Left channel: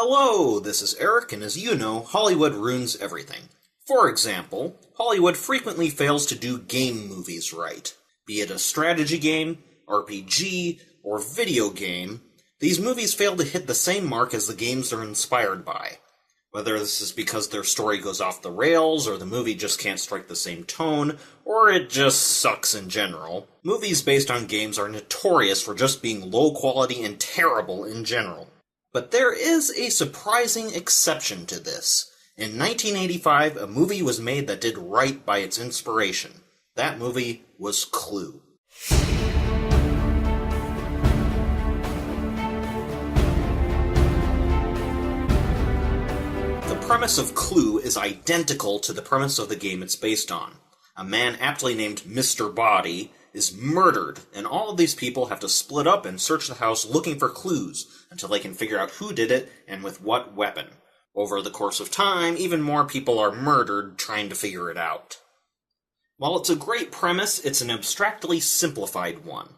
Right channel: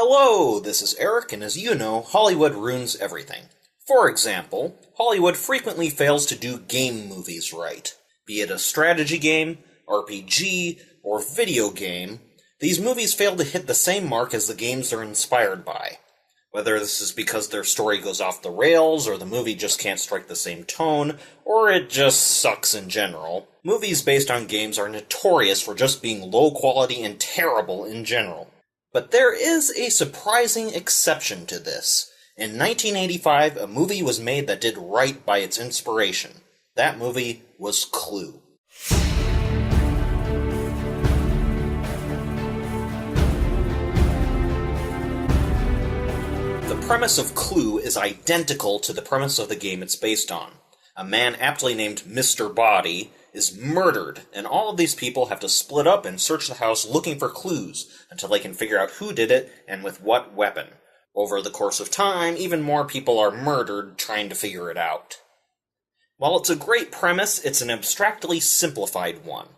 Hello, this is Eric, and as you know, Hollywood ruins everything. For example, Hollywood frequently fails to do game movies right. Be it a strategy game, RPG, or video game, these movies fail to hit the same mark as the games they're inspired by. Whether this is because their story goes off the rails, or the movie just can't strike the same tone, or it just sucks in general, movies based on games are notorious for just being low quality and terrible in general. But there is a surprising exception to this. In 1985, a movie was made that did right by its inspiration. That movie was Clue. The premise of Clue is identical to the premise of the game it's based on. A man aptly named Mr. Boddy is murdered, and all of these people have to split up and search the house looking for clues until they can figure out who did it and with what weapon. Over the course of time, even more people are murdered trying to figure it out. While it's a great premise, it's an abstractly simplified one.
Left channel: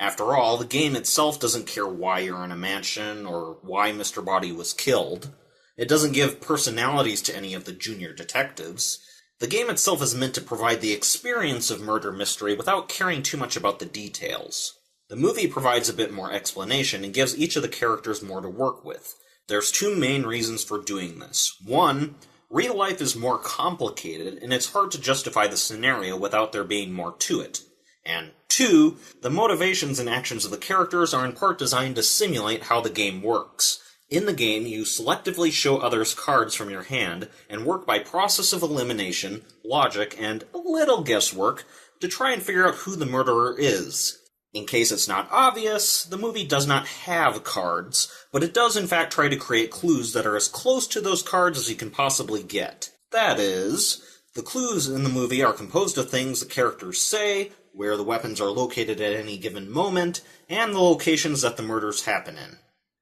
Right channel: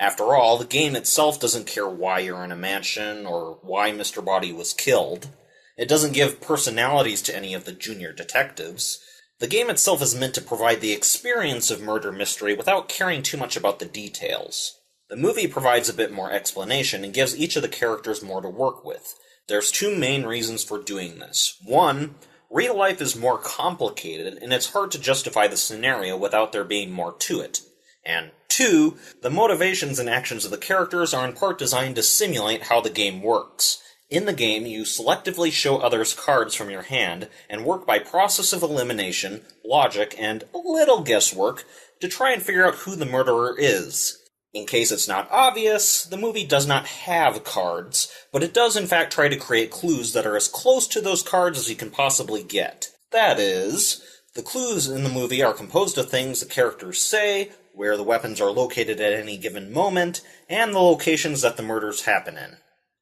After all, the game itself doesn't care why you're in a mansion or why Mr. Boddy was killed. It doesn't give personalities to any of the junior detectives. The game itself is meant to provide the experience of murder mystery without caring too much about the details. The movie provides a bit more explanation and gives each of the characters more to work with. There's two main reasons for doing this. One, real life is more complicated, and it's hard to justify the scenario without there being more to it. And two, the motivations and actions of the characters are in part designed to simulate how the game works. In the game, you selectively show others cards from your hand, and work by process of elimination, logic, and a little guesswork to try and figure out who the murderer is. In case it's not obvious, the movie does not have cards, but it does in fact try to create clues that are as close to those cards as you can possibly get. That is, the clues in the movie are composed of things the characters say, where the weapons are located at any given moment, and the locations that the murders happen in.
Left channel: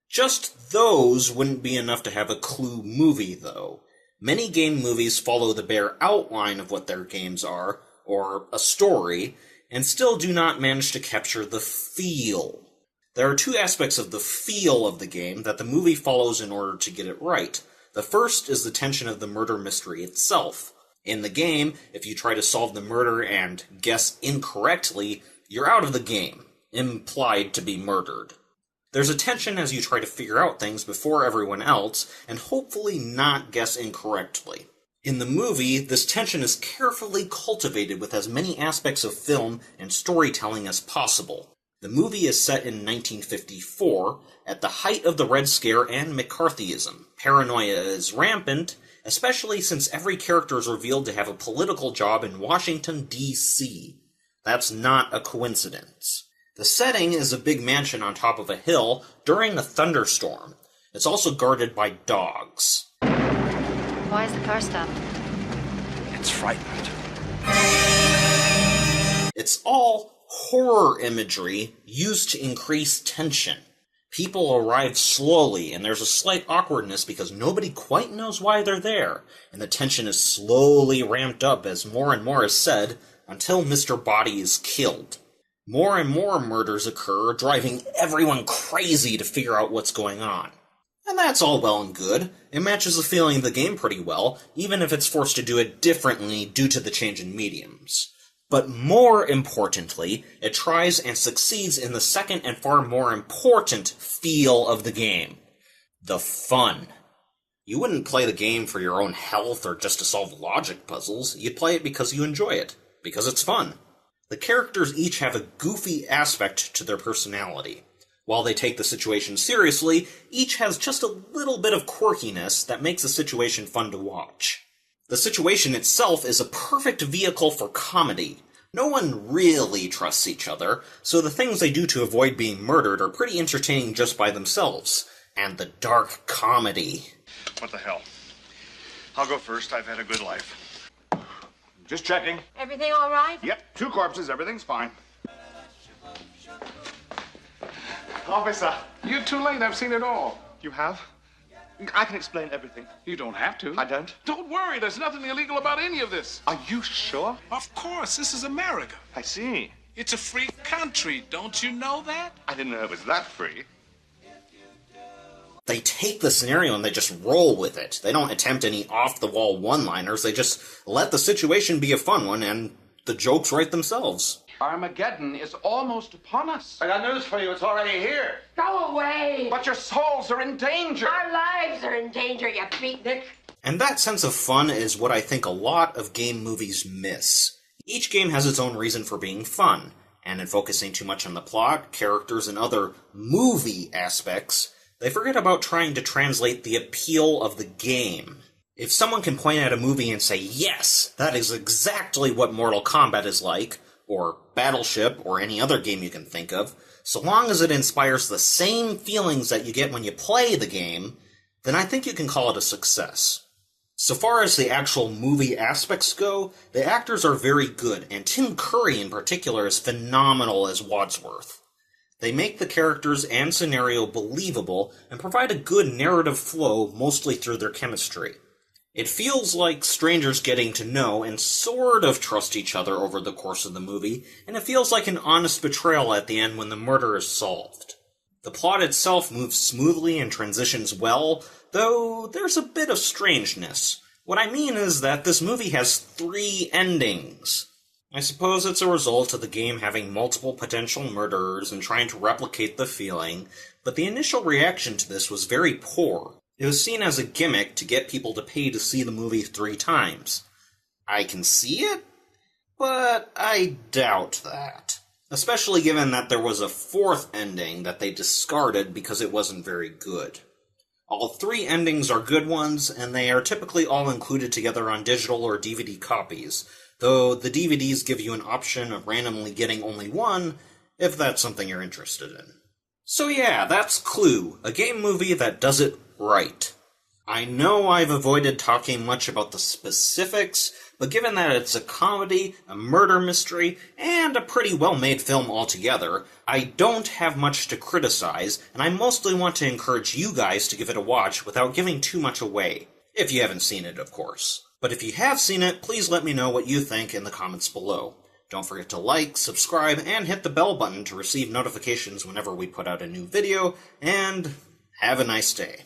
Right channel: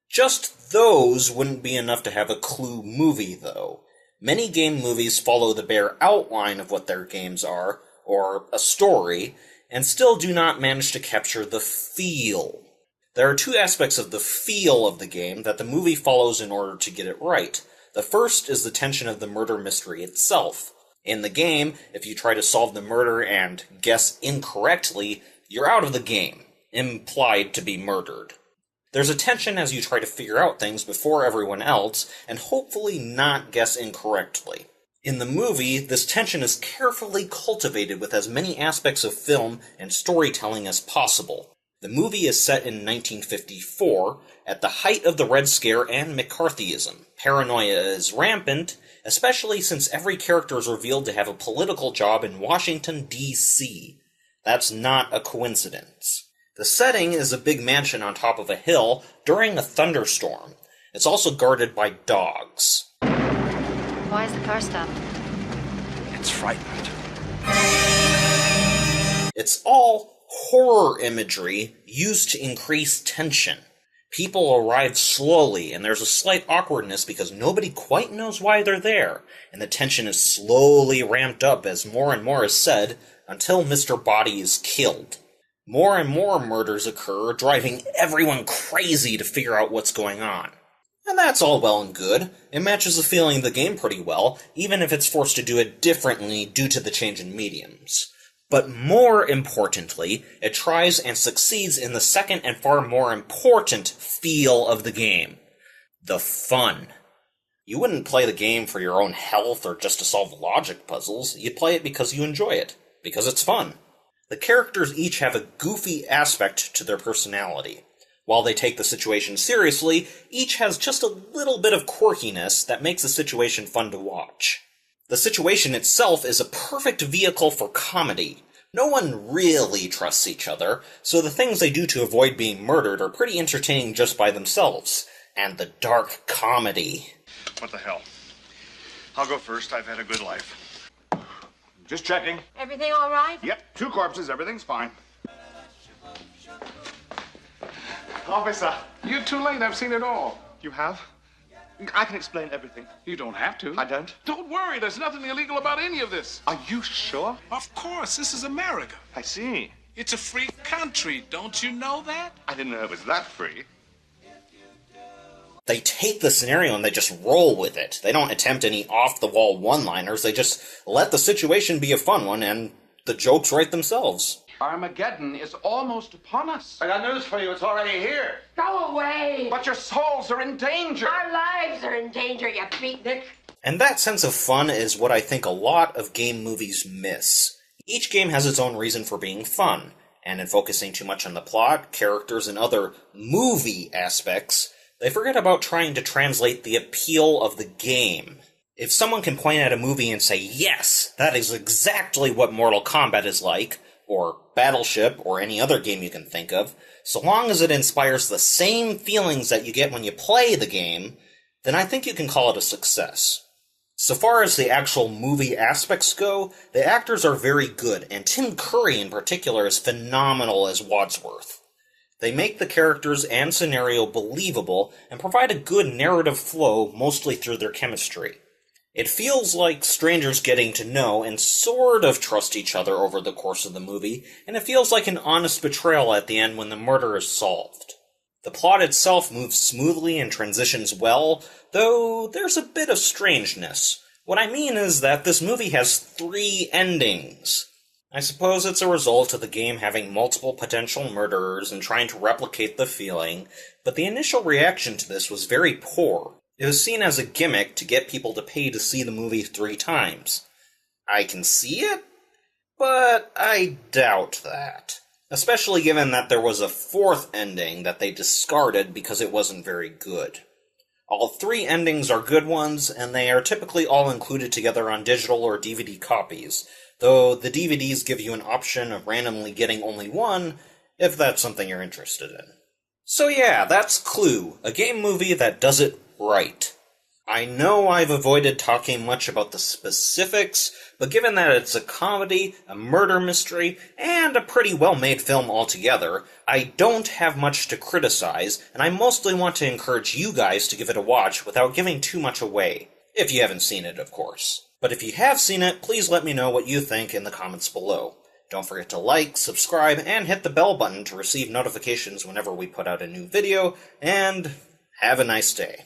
Just those wouldn't be enough to have a Clue movie, though. Many game movies follow the bare outline of what their games are, or a story, and still do not manage to capture the feel. There are two aspects of the feel of the game that the movie follows in order to get it right. The first is the tension of the murder mystery itself. In the game, if you try to solve the murder and guess incorrectly, you're out of the game, implied to be murdered. There's a tension as you try to figure out things before everyone else, and hopefully not guess incorrectly. In the movie, this tension is carefully cultivated with as many aspects of film and storytelling as possible. The movie is set in 1954, at the height of the Red Scare and McCarthyism. Paranoia is rampant, especially since every character is revealed to have a political job in Washington, D.C. That's not a coincidence. The setting is a big mansion on top of a hill during a thunderstorm. It's also guarded by dogs. Why is the car stopped? It's frightened. It's all horror imagery used to increase tension. People arrive slowly, and there's a slight awkwardness because nobody quite knows why they're there, and the tension is slowly ramped up as more and more is said until Mr. Boddy is killed. More and more murders occur, driving everyone crazy to figure out what's going on. And that's all well and good. It matches the feeling of the game pretty well, even if it's forced to do it differently due to the change in mediums. But more importantly, it tries and succeeds in the second and far more important feel of the game. The fun. You wouldn't play the game for your own health or just to solve logic puzzles. You'd play it because you enjoy it, because it's fun. The characters each have a goofy aspect to their personality. While they take the situation seriously, each has just a little bit of quirkiness that makes the situation fun to watch. The situation itself is a perfect vehicle for comedy. No one really trusts each other, so the things they do to avoid being murdered are pretty entertaining just by themselves. And the dark comedy. What the hell? I'll go first. I've had a good life. Just checking. Everything all right? Yep, 2 corpses. Everything's fine. Officer. You're too late. I've seen it all. You have? I can explain everything. You don't have to. I don't? Don't worry. There's nothing illegal about any of this. Are you sure? Of course. This is America. I see. It's a free country. Don't you know that? I didn't know it was that free. They take the scenario and they just roll with it. They don't attempt any off-the-wall one-liners. They just let the situation be a fun one, and the jokes write themselves. Armageddon is almost upon us. I got news for you. It's already here. Go away! But your souls are in danger. Our lives are in danger, you beatnik. And that sense of fun is what I think a lot of game movies miss. Each game has its own reason for being fun, and in focusing too much on the plot, characters, and other movie aspects, they forget about trying to translate the appeal of the game. If someone can point at a movie and say, yes, that is exactly what Mortal Kombat is like, or Battleship, or any other game you can think of, so long as it inspires the same feelings that you get when you play the game, then I think you can call it a success. So far as the actual movie aspects go, the actors are very good, and Tim Curry in particular is phenomenal as Wadsworth. They make the characters and scenario believable, and provide a good narrative flow mostly through their chemistry. It feels like strangers getting to know and sort of trust each other over the course of the movie, and it feels like an honest betrayal at the end when the murder is solved. The plot itself moves smoothly and transitions well, though there's a bit of strangeness. What I mean is that this movie has 3 endings. I suppose it's a result of the game having multiple potential murderers and trying to replicate the feeling, but the initial reaction to this was very poor. It was seen as a gimmick to get people to pay to see the movie 3 times. I can see it, but I doubt that. Especially given that there was a 4th ending that they discarded because it wasn't very good. All 3 endings are good ones, and they are typically all included together on digital or DVD copies, though the DVDs give you an option of randomly getting only one, if that's something you're interested in. So yeah, that's Clue, a game movie that does it right. I know I've avoided talking much about the specifics, but given that it's a comedy, a murder mystery, and a pretty well-made film altogether, I don't have much to criticize, and I mostly want to encourage you guys to give it a watch without giving too much away. If you haven't seen it, of course. But if you have seen it, please let me know what you think in the comments below. Don't forget to like, subscribe, and hit the bell button to receive notifications whenever we put out a new video, and have a nice day.